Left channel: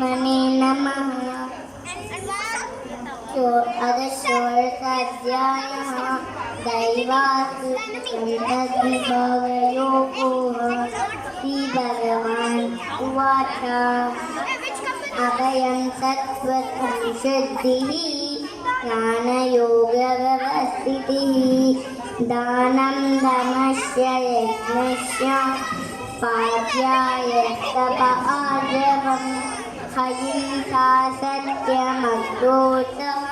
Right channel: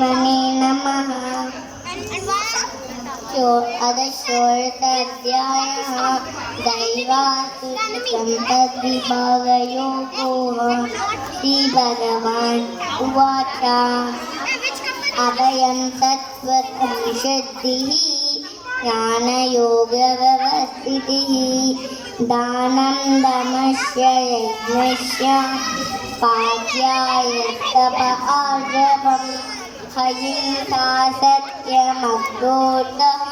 परमात्मने नमः। अदशोर्ताध्यायः दैवासुरसम्पद्विभागयोगो। श्रीभगवान् उवाच अभयं सत्त्वं शुद्धिः ज्ञानयोगव्यवस्थितिः दानं दमस्य यज्ञस्य पाठ्यायस्तप आर्जवम् अहिंसा सत्यमक्रोधः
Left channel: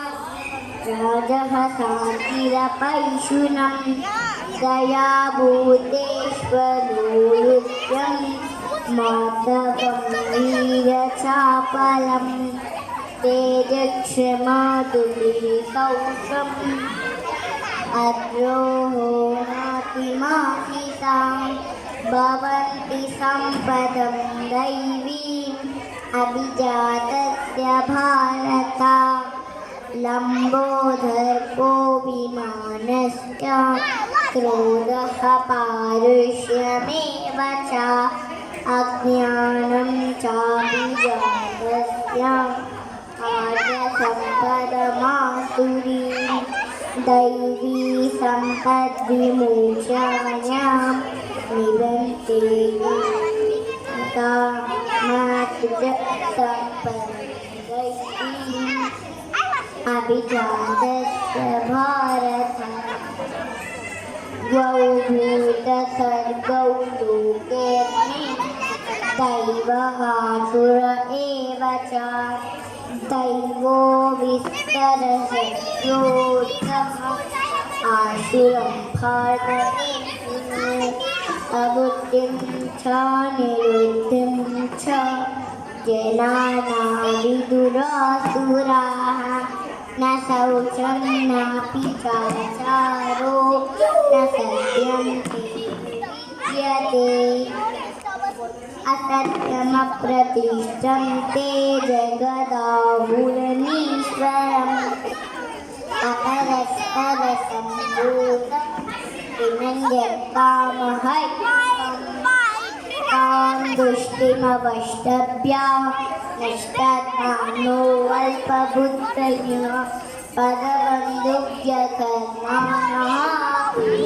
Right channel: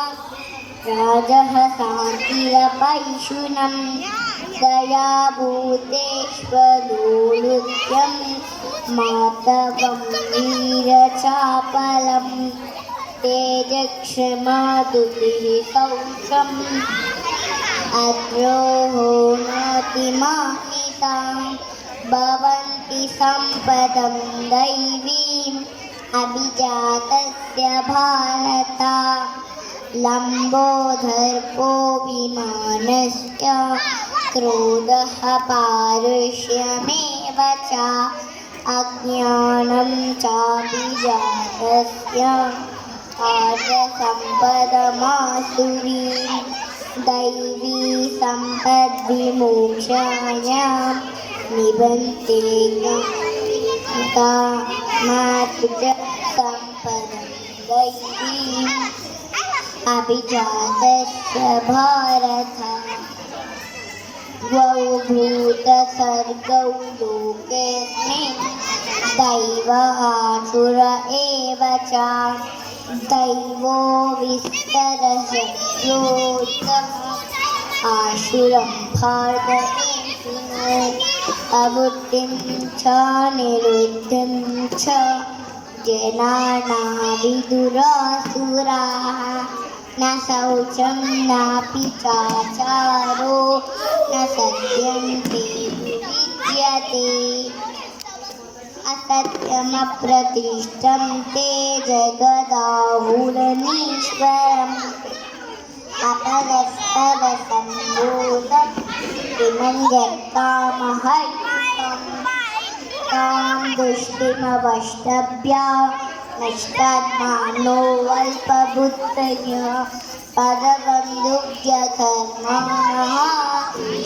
राजः शान्तिरपैशुनं दया भूतेष्वलोलुप्यं माधवं वीरचापलं तेजक्षमा दुर्विकौशम् अद्रोहो नातिमाहितां भवन्ति सम्पदं दैवीम् अभिजातस्य भारत लम्बोदर्पो विमानस्य क्रोधः पारुष्यमेव च अज्ञानं चाभिजातस्य आर्यसम्पदमासुरीं दैवी सम्पद्विमोक्षाय निबन्ते मातृ सम्पदं दैवीम् अभिजातस्य भारत द्वौ भूतसर्गौ लोकेऽस्मिन् दैव आसुर एव च दैवो विस्तरशत्रोत्तमः आसुरं भारतमेषु अबुद्धिं च निरुद्धं च जनाना विदुरासुराः न शौचं नापि चाचारो न सत्यं ते विद्यते असत्यमप्रतिष्ठं ते जगदाहुरनीश्वरम् अपरस्तवसम्भूतं तां दुष्टिमवष्टभ्य नष्टात्मानो अल्पबुद्धयः पदबन्धुभ्यकर्माणः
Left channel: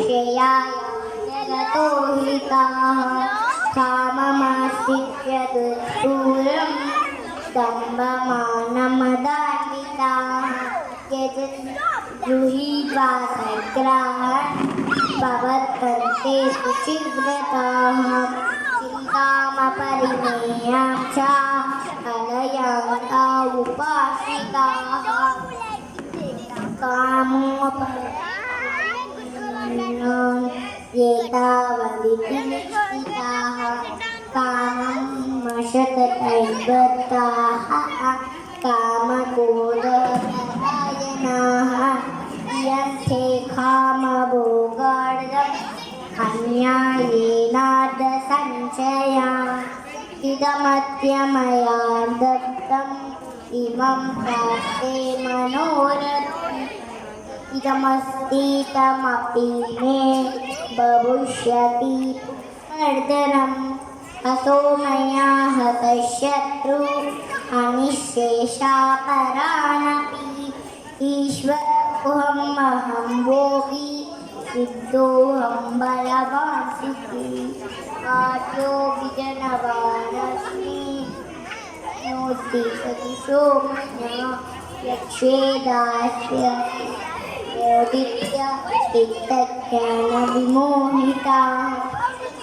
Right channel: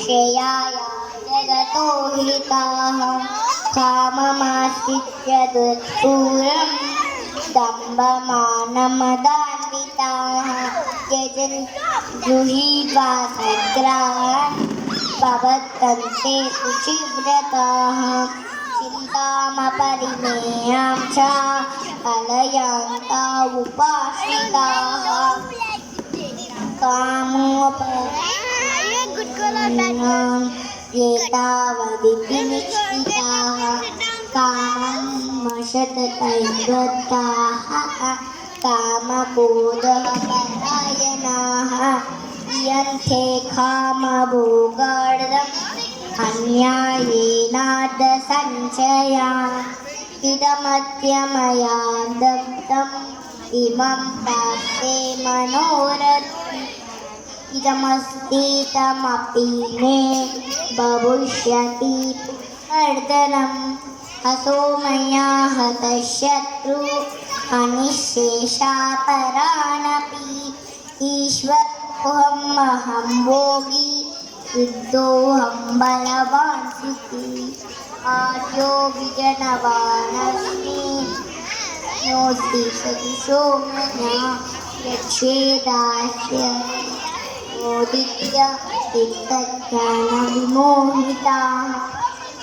श्रेयाय जगतो हिताः काममाश्रित्य दुष्पूरं दम्भमानमदान्विताः गृहीत्वा सद्ग्राहान् भवन्ते शुचिव्रताः चिन्तामपरिमेयां च अलयान्ता उपाश्रिताः कामोपरान् एतावदिति निश्चिताः कामं मशततैर्बद्धाः कामक्रोधपरायणाः यन्ते कामभोगार्थम् अन्यायेनार्थसञ्चया इदमद्य मया दत्तम् इमं प्राप्ते मनोरथम् इदमस्तीतमपि मे भविष्यति पुनर्धनम् असो मया हतशत्रु अनिःशेषापरानपि ईश्वरोऽहम् अहं भोगी सिद्धोऽहं बलवान् सुखी आर्यो विजनवानस्मि नोऽस्ति सदृशो मया यच्छेदास्य मोदित्य चित्तज्ञानविमोहिताः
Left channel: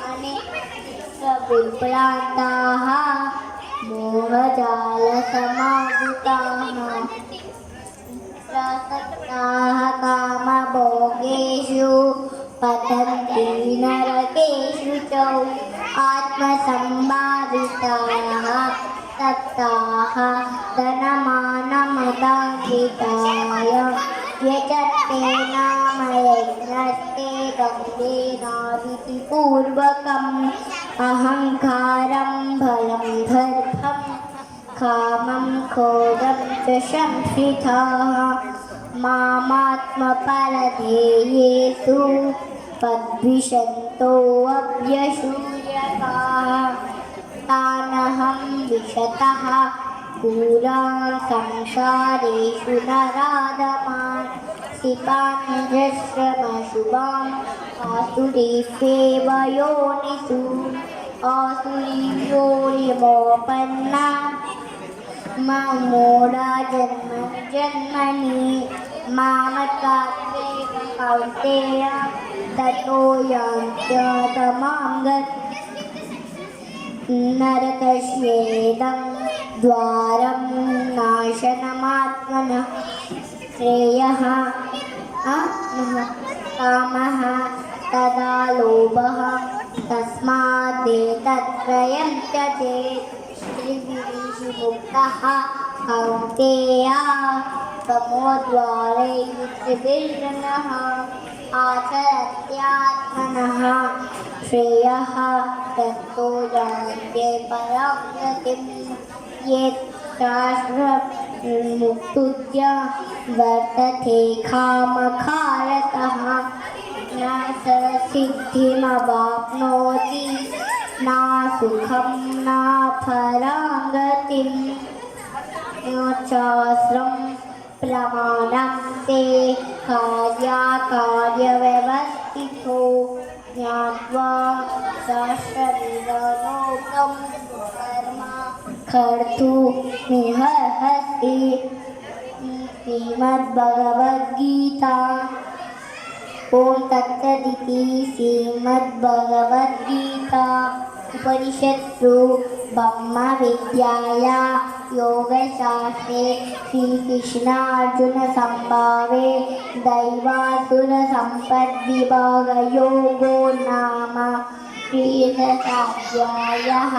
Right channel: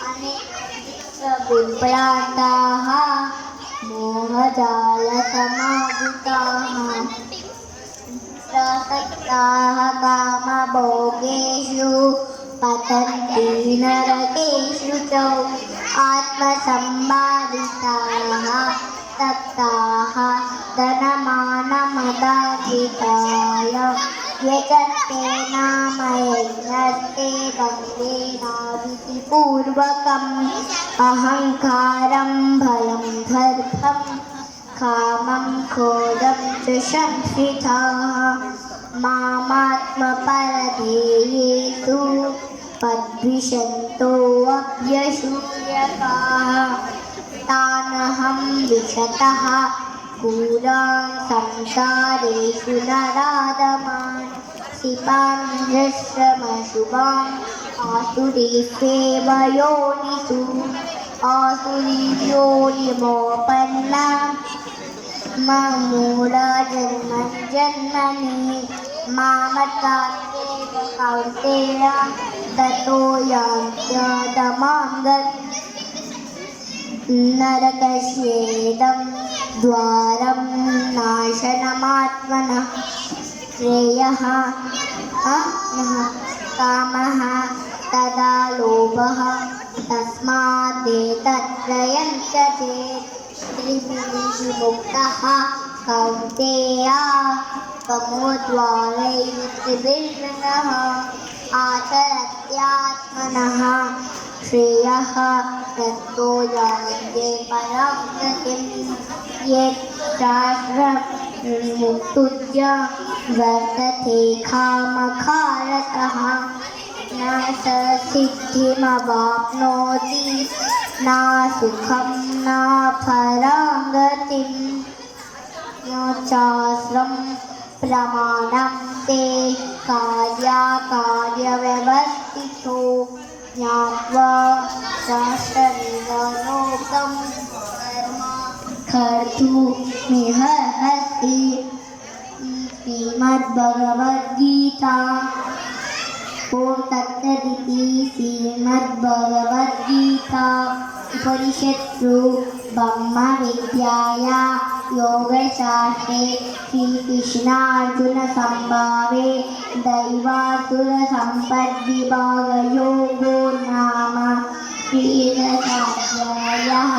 अनेकविभ्रान्ताः मोहजालसमावृताः प्रसक्ताः कामभोगेषु पतन्ति नरकेषु च आत्मसम्भाविताः सक्ताः धनमानमदान्विताय यजन्ते नाम यज्ञस्ते वन्देनादितिपूर्वकम् अहङ्कारं भलं दर्भं कामं क्रोधं च संश्रिताः मामात्मपरधेयेषु पद्विषन्तोऽभ्यसूयकाः तानहं विशतः पुरान् संसारेषु नराधमान् क्षिपाञ्जश्रमशुभान् आसुरीष्वेव योनिषु आसुरीयोनिमोपन्ना मूढजन्मनि जन्मनि मामकात्येव कौन्तेय ततो यान्त्यधमां नरकस्येदं द्वारं नाशनमात्मनः श्रेयः कामः तदा लोभः तस्मादेतत्त्रयं त्यजेत् त्रिभिः मुक्तः कौन्तेय तमोद्वारैः त्रिभिर्नः आचरत्यात्मनः श्रेयः ततो यान्ते परां गतिं यत् शास्त्रमुक्तुज्य वर्तते कामकारतः न स सिद्धिमवाप्नोति न सुखं न परां गतिं न चास्त्रं प्रमाणं ते कार्याकार्यव्यवस्थितो ज्ञात्वा शास्त्रविधानोक्तं कर्म कर्तुमिहर्हसि श्रीमद्भगवद्गीता ॐ तत्सदिति श्रीमद्भगवद्गीता उपनिषत्सु ब्रह्मविद्याया योगशास्त्रे श्रीकृष्णार्जुनसंवादे दैवासुरसम्पद्विभागयोगो नाम 3. अध्यायः।